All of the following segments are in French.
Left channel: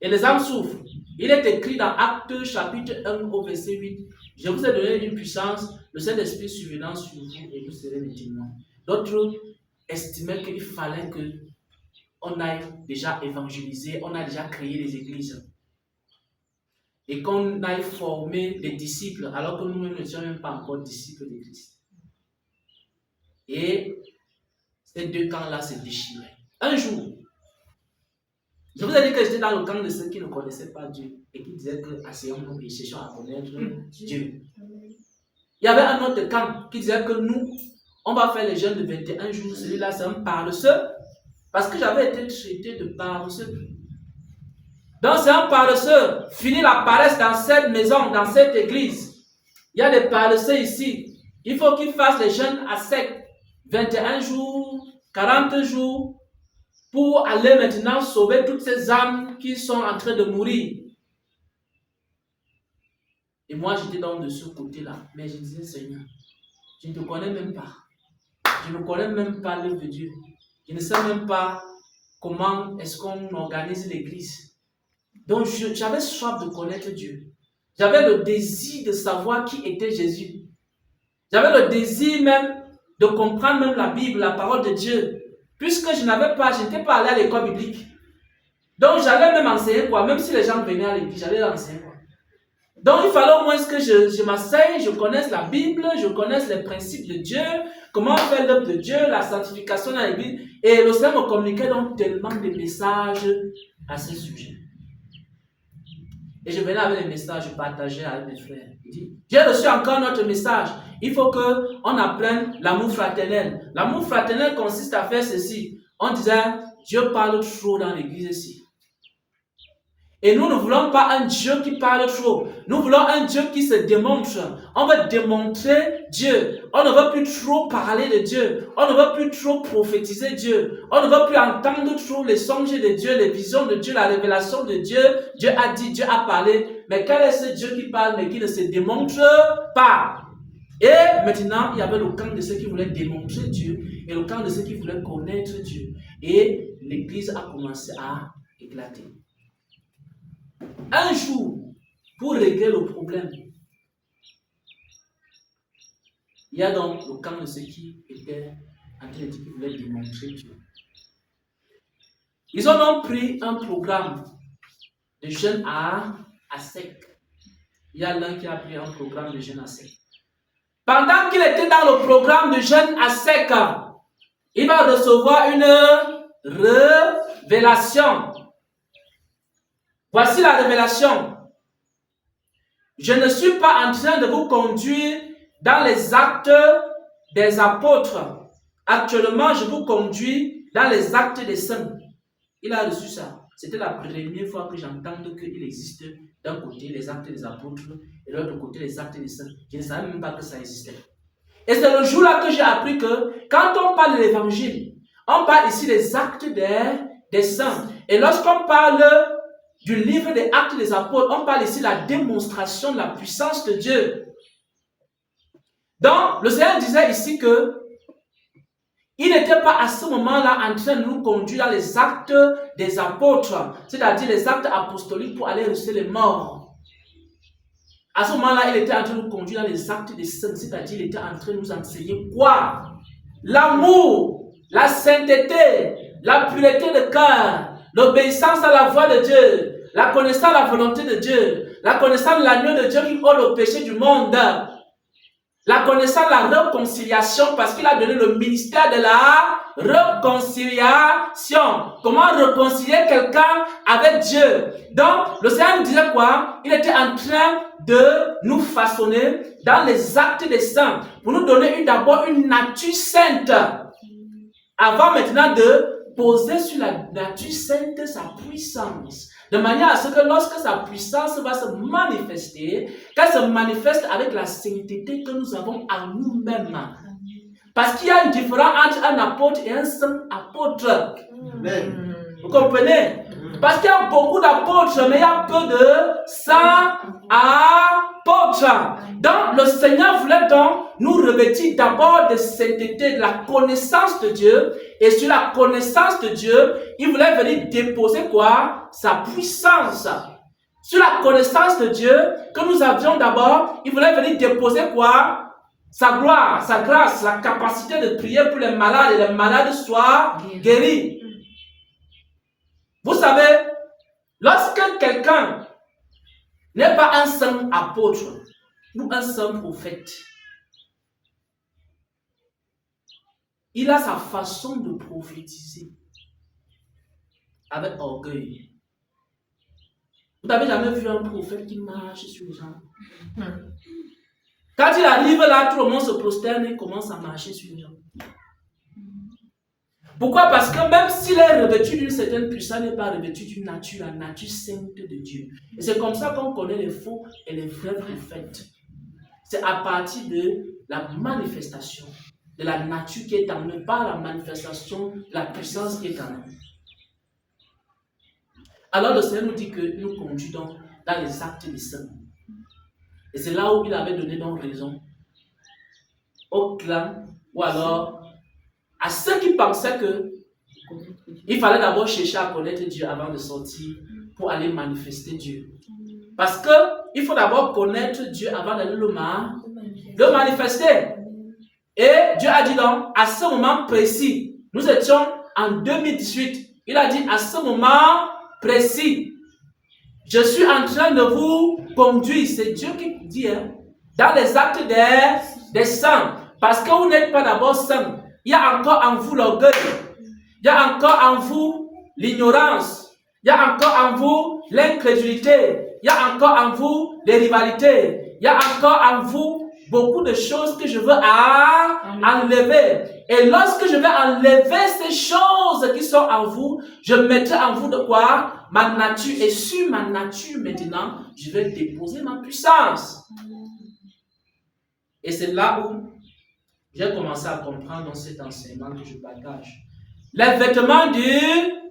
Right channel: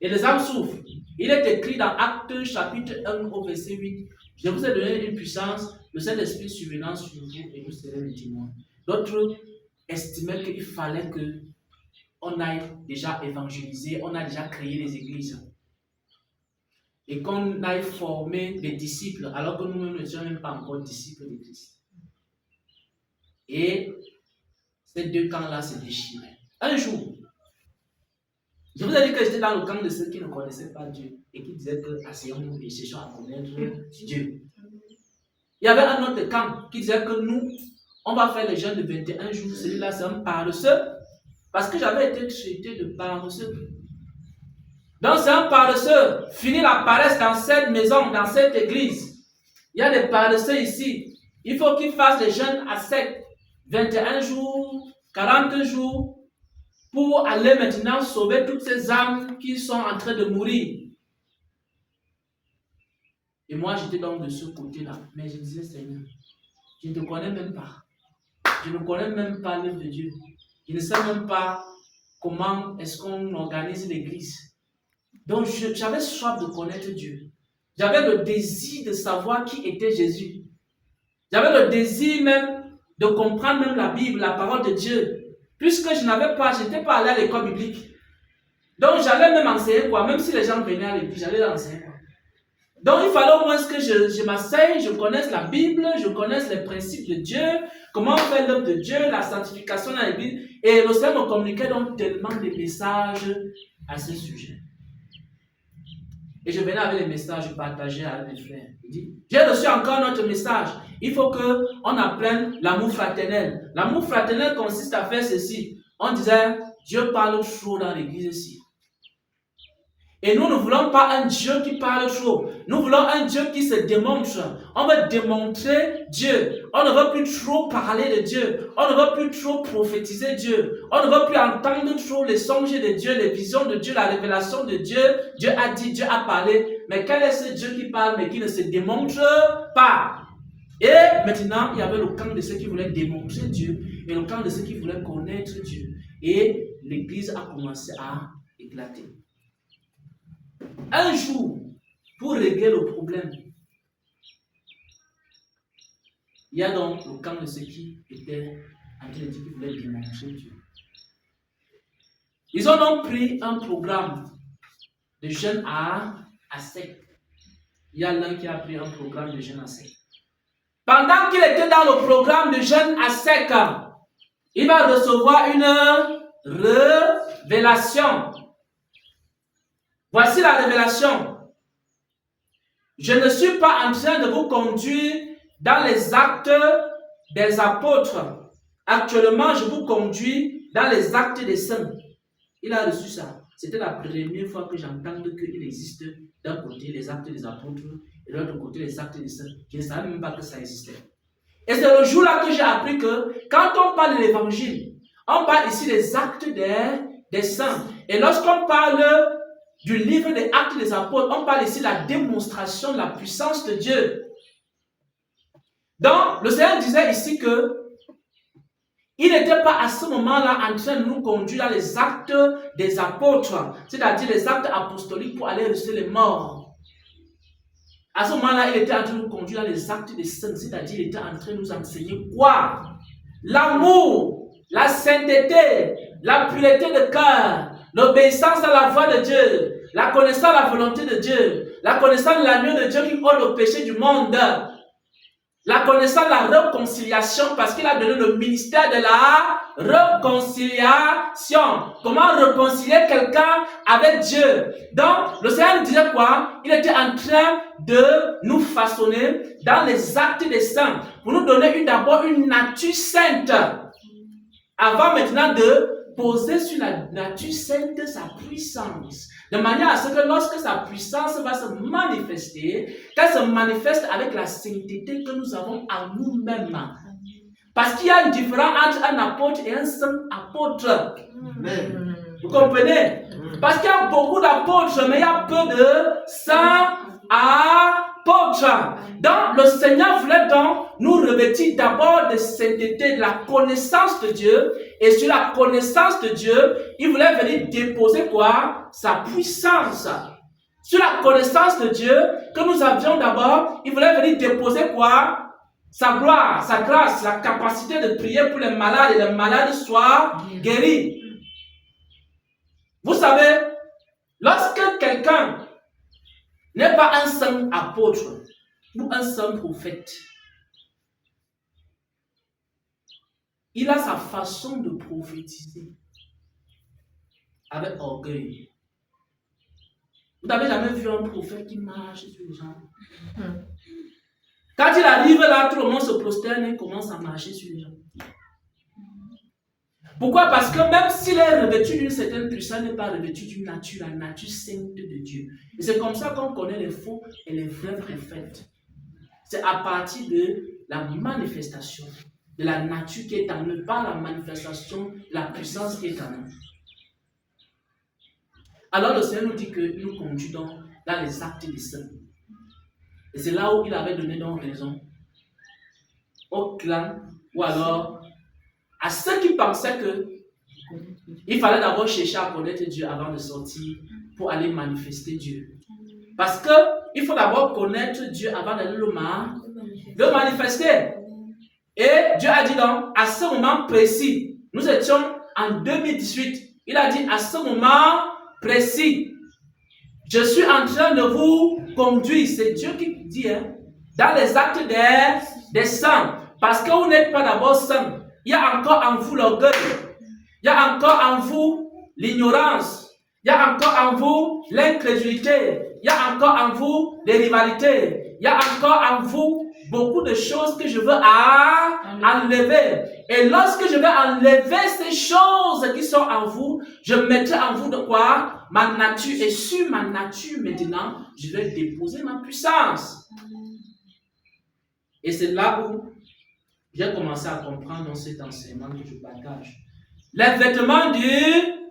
Et les âmes souffrent. Il est écrit dans Actes chapitre 1 au verset 8. Je vous ai donné une puissance, le Saint-Esprit survenant sur vous et vous serez mes témoins. D'autres estimaient qu'il fallait qu'on aille déjà évangéliser, on a déjà créé des églises. Et qu'on aille former des disciples, alors que nous-mêmes ne sommes même pas encore disciples de Christ. Et ces deux camps-là se déchiraient. Un jour, je vous ai dit que j'étais dans le camp de ceux qui ne connaissaient pas Dieu et qui disaient que asseyons-nous et cherchons à connaître Dieu. Il y avait un autre camp qui disait que nous, on va faire les jeûnes de 21 jours. Celui-là, c'est un paresseux. Parce que j'avais été traité de paresseux. Donc, c'est un paresseux. Fini la paresse dans cette maison, dans cette église. Il y a des paresseux ici. Il faut qu'ils fassent les jeûnes à sec. 21 jours, 40 jours, pour aller maintenant sauver toutes ces âmes qui sont en train de mourir. Et moi, j'étais donc de ce côté-là. Mais je disais, Seigneur, je ne te connais même pas. Je ne connais même pas l'œuvre de Dieu. Je ne sais même pas comment est-ce qu'on organise l'église. Donc, j'avais soif de connaître Dieu. J'avais le désir de savoir qui était Jésus. J'avais le désir même de comprendre même la Bible, la parole de Dieu. Puisque je n'étais pas allé à l'école biblique. Donc, j'allais même enseigner quoi. Même si les gens venaient à l'église, j'allais enseigner quoi. Donc, il fallait au moins que je m'asseye, je connaisse la Bible, je connaisse les principes de Dieu, comment faire l'œuvre de Dieu, la sanctification dans l'église. Et le Seigneur me communiquait donc tellement de messages à ce sujet. Et je venais avec les messages, je partageais avec mes frères. Il dit, j'ai reçu encore notre message. Il faut qu'on apprenne l'amour fraternel. L'amour fraternel consiste à faire ceci. On disait, Dieu parle trop dans l'église ici. Et nous ne voulons pas un Dieu qui parle trop. Nous voulons un Dieu qui se démontre. On veut démontrer Dieu. On ne veut plus trop parler de Dieu. On ne veut plus trop prophétiser Dieu. On ne veut plus entendre trop les songes de Dieu, les visions de Dieu, la révélation de Dieu. Dieu a dit, Dieu a parlé. Mais quel est ce Dieu qui parle mais qui ne se démontre pas? Et maintenant, il y avait le camp de ceux qui voulaient démontrer Dieu et le camp de ceux qui voulaient connaître Dieu. Et l'église a commencé à éclater. Un jour, pour régler le problème, il y a donc le camp de ceux qui étaient en train de dire qu'ils voulaient démontrer Dieu. Ils ont donc pris un programme de jeûne à sec. Il y a l'un qui a pris un programme de jeûne à sec. Pendant qu'il était dans le programme de jeûne à sec, il va recevoir une révélation. Voici la révélation. Je ne suis pas en train de vous conduire dans les actes des apôtres. Actuellement, je vous conduis dans les actes des saints. Il a reçu ça. C'était la première fois que j'entends qu'il existe d'un côté les actes des apôtres et de l'autre côté les actes des saints. Je ne savais même pas que ça existait. Et c'est le jour-là que j'ai appris que quand on parle de l'évangile, on parle ici des actes des saints. Et lorsqu'on parle du livre des actes des apôtres, on parle ici de la démonstration de la puissance de Dieu. Donc, le Seigneur disait ici que il n'était pas à ce moment-là en train de nous conduire dans les actes des apôtres, c'est-à-dire les actes apostoliques pour aller ressusciter les morts. À ce moment-là, il était en train de nous conduire dans les actes des saints, c'est-à-dire il était en train de nous enseigner quoi? L'amour, la sainteté, la pureté de cœur, l'obéissance à la voix de Dieu, la connaissance de la volonté de Dieu, la connaissance de l'agneau de Dieu qui ôte le péché du monde, la connaissance de la réconciliation parce qu'il a donné le ministère de la réconciliation. Comment réconcilier quelqu'un avec Dieu? Donc, le Seigneur nous disait quoi? Il était en train de nous façonner dans les actes des saints pour nous donner d'abord une nature sainte avant maintenant de poser sur la nature sainte sa puissance. De manière à ce que lorsque sa puissance va se manifester, qu'elle se manifeste avec la sainteté que nous avons en nous-mêmes. Parce qu'il y a une différence entre un apôtre et un saint apôtre. Amen. Vous comprenez? Parce qu'il y a beaucoup d'apôtres, mais il y a peu de saints apôtres. Donc, le Seigneur voulait donc nous revêtir d'abord de sainteté, de la connaissance de Dieu. Et sur la connaissance de Dieu, il voulait venir déposer quoi? Sa puissance. Sur la connaissance de Dieu que nous avions d'abord, il voulait venir déposer quoi? Sa gloire, sa grâce, la capacité de prier pour les malades et les malades soient guéris. Vous savez, lorsque quelqu'un n'est pas un saint apôtre ou un saint prophète, il a sa façon de prophétiser avec orgueil. Vous n'avez jamais vu un prophète qui marche sur les gens? Quand il arrive là, tout le monde se prosterne et commence à marcher sur les gens. Pourquoi? Parce que même s'il est revêtu d'une certaine puissance, il n'est pas revêtu d'une nature, la nature sainte de Dieu. Et c'est comme ça qu'on connaît les faux et les vrais prophètes. C'est à partir de la manifestation de la nature qui est en eux, pas la manifestation de la puissance qui est en eux. Alors le Seigneur nous dit que nous conduit donc dans les actes des saints. Et c'est là où il avait donné donc raison au clan, ou alors à ceux qui pensaient que il fallait d'abord chercher à connaître Dieu avant de sortir pour aller manifester Dieu. Parce que il faut d'abord connaître Dieu avant d'aller le manifester. Et Dieu a dit donc, à ce moment précis, nous étions en 2018, il a dit à ce moment précis, je suis en train de vous conduire. C'est Dieu qui dit, dans les actes des saints. Parce que vous n'êtes pas d'abord saints. Il y a encore en vous l'orgueil. Il y a encore en vous l'ignorance. Il y a encore en vous l'incrédulité. Il y a encore en vous les rivalités. Il y a encore en vous beaucoup de choses que je veux enlever. Et lorsque je vais enlever ces choses qui sont en vous, je mettrai en vous de quoi? Ma nature. Et sur ma nature maintenant, je vais déposer ma puissance. Et c'est là où j'ai commencé à comprendre dans cet enseignement que je partage. Les vêtements du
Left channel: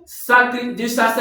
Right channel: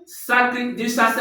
sacerdoce